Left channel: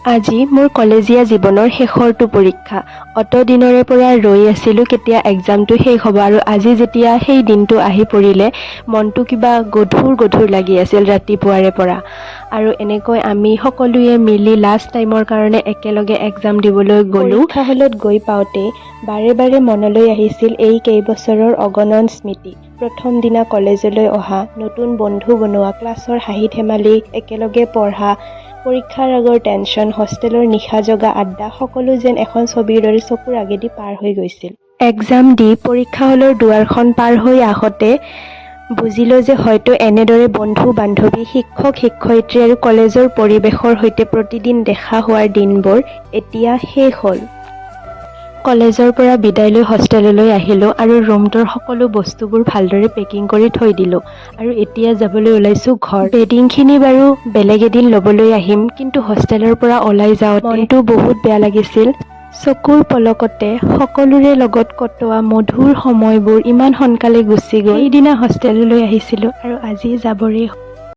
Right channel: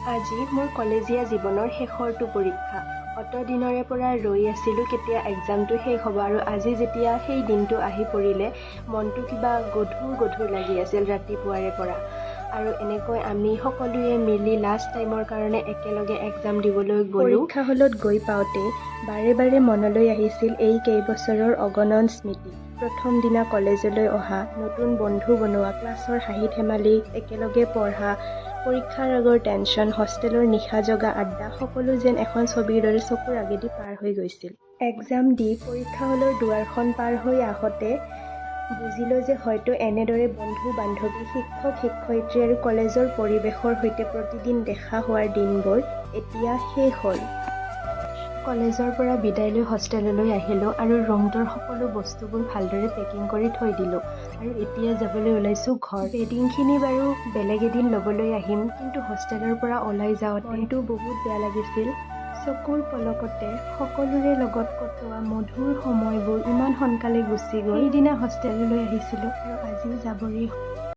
আজি মোৰ কলেজীয়া জীৱনৰ শেষৰটো পৰীক্ষা। অত দিনৰে পৰা ৰৈ আছিলোঁ কেতিয়া এক্সামটো শেষ হ'ব, আৰু আজি যেতিয়া সেই দিনটো আহি পৰিলে মনটো কিবা গধুৰ লাগি আছিল ৰাতিপুৱাৰে পৰা। আৰু এনেকৈ আমি সকলোৱে মিলি লাষ্ট টাইমৰ কাৰণে একেলগে এক্সাম দিবলৈ গ'লোঁ। পৰীক্ষা হলত গৈ পাওঁতে বাৰে বাৰে মনলৈ আহিছিল এই কেইবছৰৰ অগণন স্মৃতি। প্ৰথম দিনা কলেজলৈ অহা, নতুন বন্ধু বনোৱা, ক্লাছৰ হাঁহি ধেমালি, একেলগে পঢ়া, পৰীক্ষাৰ আগৰ টেনশ্যন, হোষ্টেলৰ নিশা জগা আড্ডা, সকলো যেন এখন ছবিৰ দৰে চকুৰ আগেদি পাৰ হৈ গৈছিল। এক্সাম দি পৰীক্ষা হলৰ দুৱাৰখন পাৰ হৈ আহোঁতে বুজিলোঁ যে হয়তো এনেদৰে বন্ধু বান্ধৱী, শিক্ষক শিক্ষয়িত্ৰী আৰু কলেজৰ পৰিৱেশৰ সৈতে প্ৰতিদিন দেখা হোৱাৰ দিনবোৰ এতিয়া শেষ হ'ল। কলেজৰ পৰা বিদায় লৈ হোষ্টেললৈ আহিলোঁ আৰু ৰুমটোৰ সকলো বস্তুবোৰ ভালদৰে পেকিং কৰি থৈ দিলোঁ। আৰু এতিয়া যাবলৈ ওলাইছোঁ ঘৰ। বেডিংখিনি বাৰু বেলেগ এদিন ল'বলৈ আহিম, কিন্তু হোষ্টেলৰ পৰা ওলাই যাওঁতে মনটো বহুত বেয়া লাগিছিল। চকুৰ পলকতে সকলোৰে লগত কটোৱা মধুৰ সময়বোৰ ইমান সোনকালে গুচি গ'ল। সেইদিনা হোষ্টেললৈ আহিছিলোঁ আৰু আজি যাবৰে